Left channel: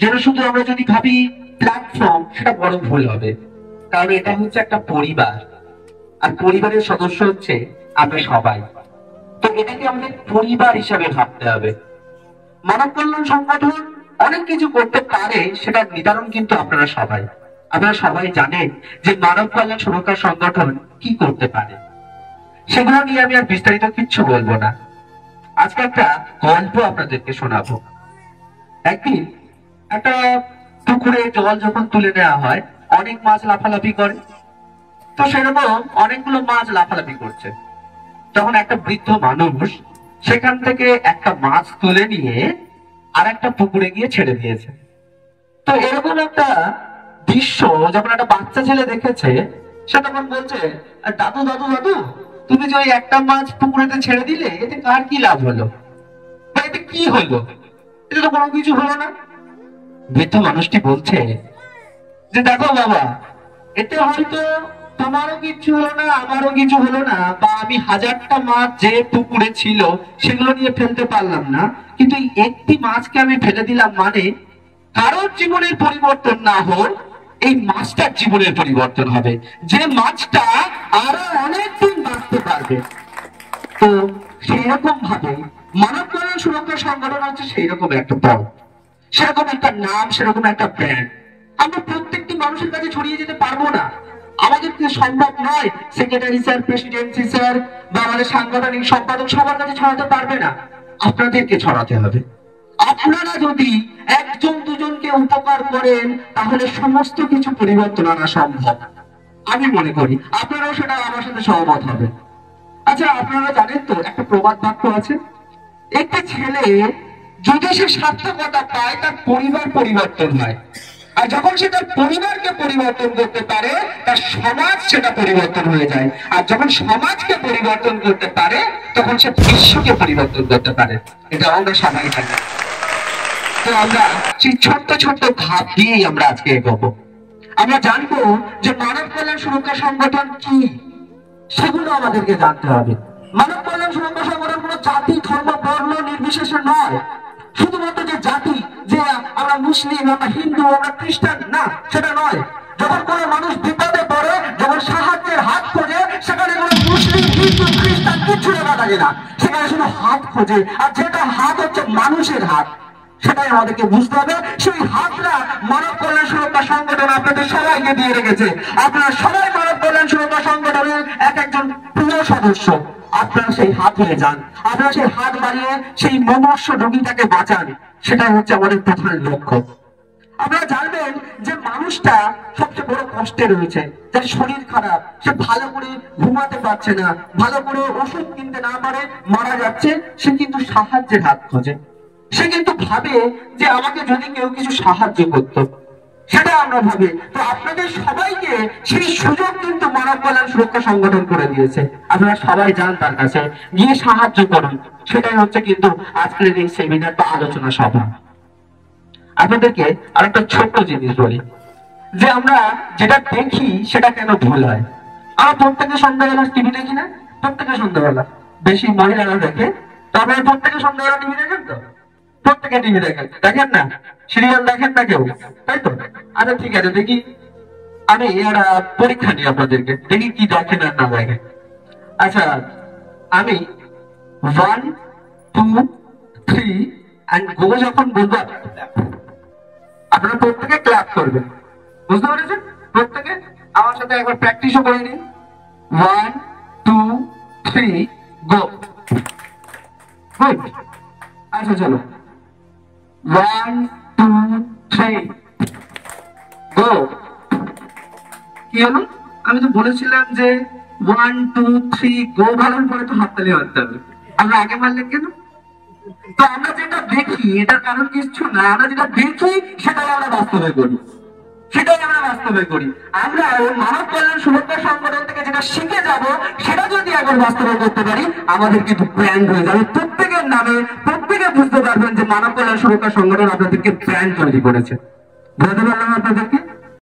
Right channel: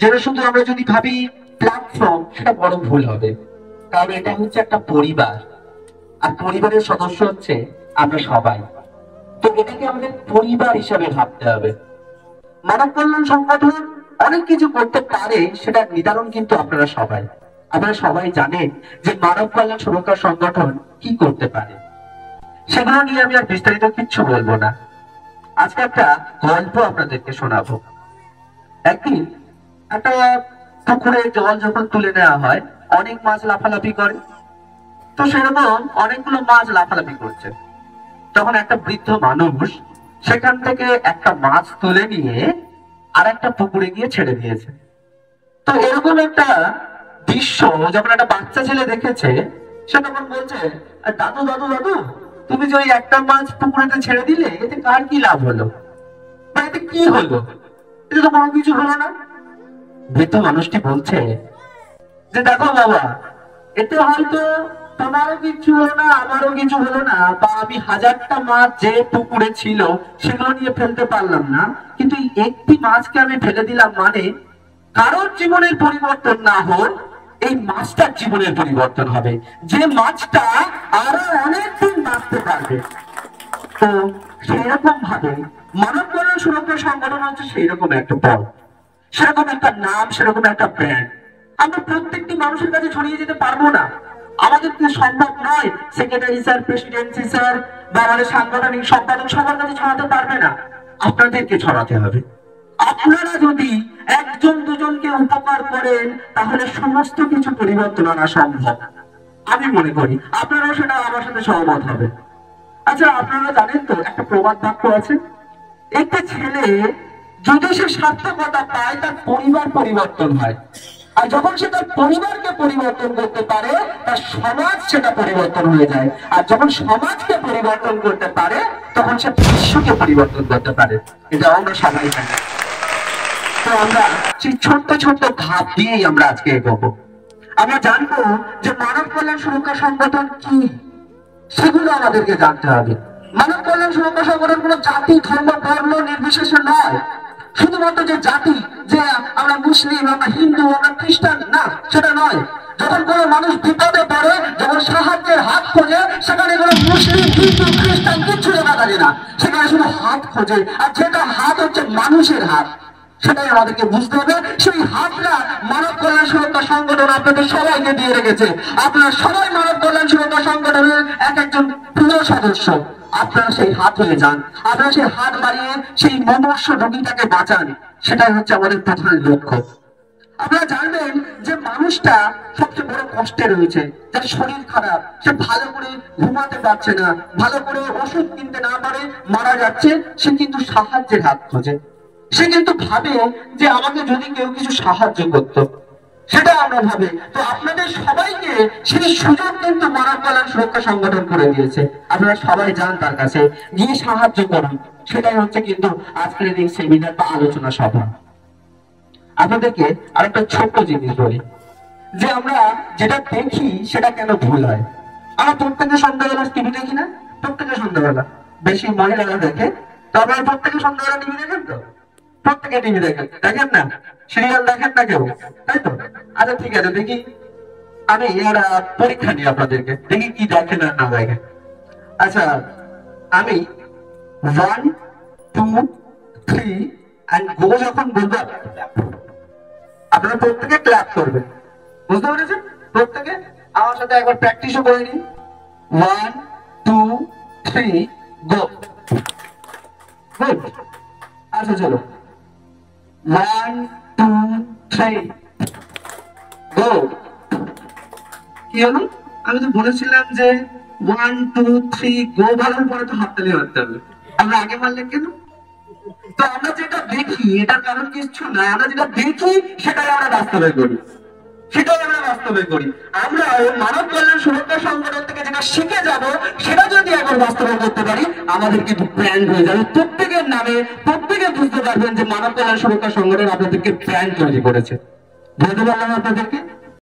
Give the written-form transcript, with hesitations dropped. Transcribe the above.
যেন শুধু আমরা যদি ভাবি প্ল্যাটফর্ম, সেটা বড় ভুল হবে। কারণ এটা হচ্ছে একটা পরিবার, আর পরিবারের সদস্য হচ্ছে আমরা সবাই। তো এটাকে আমাদের পরিবার হিসাবে ভাবতে হবে। মানব কল্যাণ সংগঠন অনেক কিছু করতে পারে, সেটা নির্ধারণ কিন্তু আপনারা সবাই জানেন যে মানব কল্যাণ সুরক্ষা সংগঠন কি করতে পারে। সেগুলো নিয়ে আমি আর বিস্তারিত কিচ্ছু বলবো না। আজকে একটা গল্প আপনাদেরকে শোনাবো। একদিন একটা পুকুরে জল যখন তুলে নেওয়া হয়, অনেক মাছ লাফালাফি করে। তো সেরকম অনেকগুলো মাছ লাফালাফি করছে। তখন একটা বৃদ্ধ মানুষ সেখান থেকে একটা মাছ তুলে নিয়ে আর একটা পুকুরে গিয়ে ছেড়ে দিয়েছে। তো এরকম একটা দৃশ্য যখন একটা বাচ্চা ছেলে দেখেছে, সে তখন বলছে, দাদু দাদু দাদু, তুমি যে ওই একটা মাছ পুকুরেতে ছেড়ে দিলে, এতে কার কি লাভ হলো, বা এতে কি হলো? এটা তো কোনো কিছু হলো না। বৃদ্ধ মানুষটি বলছে যে, দেখো বাবা, এতে হয়তো তোমারও কিছু হলো না, আমারও কিছু হলো না, বা আমি হাজারটা মাছ যে পুকুরে ছিল সেগুলো নিয়ে ফেলতে পারলাম না, কিন্তু এই একটি মাছকে আমি ফেলে দিলাম, মানে কারোর জীবনের পরিবর্তন না হোক, এই মাছটার জীবনের পরিবর্তন হবে, যে মাছটা আরো অনেকদিন বাঁচতে পারবে। তো সেই রকম ভাবে মানব কল্যাণ সুরক্ষা সংগঠন হচ্ছে সেই রকম একটা পথ, সেরকম একটা নাম, সেরকম একটা ব্র্যান্ড। আমরা প্রত্যেকটি মানুষের কাছে ছড়িয়ে যেতে পারবো না, আমাদের কি সম্ভব নয়। সেক্রেটারি স্যার, প্রেসিডেন্সি স্যার বা আমাদের সাংগঠনিক সম্পাদক সবার কাছে ছড়াতে পারবে না, আপনাদেরকে ছড়াতে হবে। আপনারা যদি একজন দুজনকে উপকার করেন, তাহলে সমস্ত কিছু পরিবর্তন আনা সম্ভব। আমি মনে করি আপনারাও সেটা আমার সাথে সহমত হবে। আচ্ছা, আপনারা জানেন তো একটা প্রবাদ বাক্য আছে, একটা ছেলে যদি সে সার্থকতা পায়, তার পরিবার পরিবর্তন হয়, আর যখন সে তার পরিবারকে পরিবর্তন করতে পারে, তার সমাজ সেটা পরিবর্তন হয়ে যায়, আর যখন সমাজকে পরিবর্তন করতে পারে, তখন সে বিশ্বকে পরিবর্তন করতে পারে। এটা আমরা সবাই জানি। তো আমরা সেই ছোট্ট ছোট্ট ধাপ দিয়েই আমরা আজকে এগোবো। আমরা জানবো যে মানব কল্যাণ সুরক্ষা সংগঠন কি, সেগুলো আমাদেরকে জানতে হবে। মানব কল্যাণ সুরক্ষা সংগঠন কোনো জাতি, ধর্ম, বর্ণ নির্বিশেষে নয়। শুধুমাত্র যে জাতি, যে আমরা মুসলিম, আমরা হিন্দু, আমরা খ্রিস্টান, না, সেটা নয়। যখন কোনো মানুষ বিপদে পড়ে, যখন সাহায্যের হাত খোঁজে, সেখানে কোনো মুসলিম, হিন্দু, খ্রিস্টান কিচ্ছু দেখা থাকে না, সেখানে শুধু হাত খোঁজে, আর যেটা হাত হচ্ছে মানুষের হাত, সেটাই আমাদেরকে বুঝতে হবে। সেই হাতটা মানব কল্যাণ সুরক্ষা সংগঠন আপনাদের সবাইকে দিয়ে রেখেছে। আপনারা সবাই মানব কল্যাণ সুরক্ষা সংগঠনের এক একজন প্রিয় সদস্য। আপনারা সেই হাত হয়ে যান, আপনারা সেই হাত বাড়িয়ে সেই মনুষ্য রোগীটাকে বাঁচান, সেটাই হচ্ছে আমাদের প্রধান লক্ষ্য। আপনারা জানবেন যে মানুষটা সবচেয়ে বড় কষ্টে রয়েছে, যার শরীর খারাপ, সে ভালো করে ঘুমাতে পারছে না, ভালো করে ওষুধ কিনতে না পারে মারা যাচ্ছে, সে কিন্তু সাহায্যের হাত খোঁজে। সে কিন্তু ভাবে যে আমাকে যদি কেউ কিছু সাহায্য করতো, সেটা আমরা ভাবি। তো আপনাদের সবাইকে সেই সুযোগ কিন্তু মানব কল্যাণ সুরক্ষা সংগঠন করে দিয়েছে। আপনারা সবাই যান তার কাছে, গিয়ে সাহায্য করুন। সেটাই হচ্ছে কিন্তু আজকের এই সেমিনার বা আলোচনা সভা। আপনাদেরকে আরেকটা ছোট্ট জিনিস বলি, যে আমরা যেটা দেখি সেটা কেন ভুল হয়। আমরা প্রত্যেকে সন্ধ্যাবেলা টিভি দেখি না? প্রত্যেকে সন্ধ্যাবেলা, বেশি মহিলারা দেখে। তবে প্রত্যেকে সন্ধ্যাবেলা টিভি দেখেন তো? প্রত্যেকে টিভি দেখেন, দেখেন না? সিরিয়াল দেখেন না কেউ, তাই তো? আচ্ছা ঠিক আছে, দেখি আমি একটা পরীক্ষা নিই আপনাদেরকে, দেখি কি দেখেন আর না দেখেন। আচ্ছা, আমি 1 2 3 and go যখন বলবো, আপনারা প্রত্যেকে ক্ল্যাপ করবেন। বুঝতে পেরেছেন? প্রত্যেকে আমার সাথে একবার প্র্যাকটিসও করে নিন। 1 2 3 গো। গুড। আচ্ছা চলো, 1 2 3 গো। কি হলো? আমি তো বলেছিলাম যে 1 2 3 গো বলার পরে তো হাততালি মারতে হবে। আমরা আগে মারলেন কেন? তো আমরা যেটা দেখি এটার কারণ কিছু না, আমরা যেটা দেখি সেটাই আমরা বাস্তবে করি, সেটাই আমরা বাস্তবে করি। আমরা ওই মানব কল্যাণ সুরক্ষা সংগঠন থেকে যেটা শিখে যাব, সেটা যদি এখন বাস্তবে করতে পারি, আমাদের কিন্তু ব্র্যান্ড হয়ে যাবে। প্রত্যেকের নামে প্রত্যেকে বুঝতে পারবেন যে মানব কল্যাণ সুরক্ষা সংগঠন আপনাদেরকে ব্র্যান্ড তৈরি করেছে। বুঝতে পারলাম আপনাদেরকে?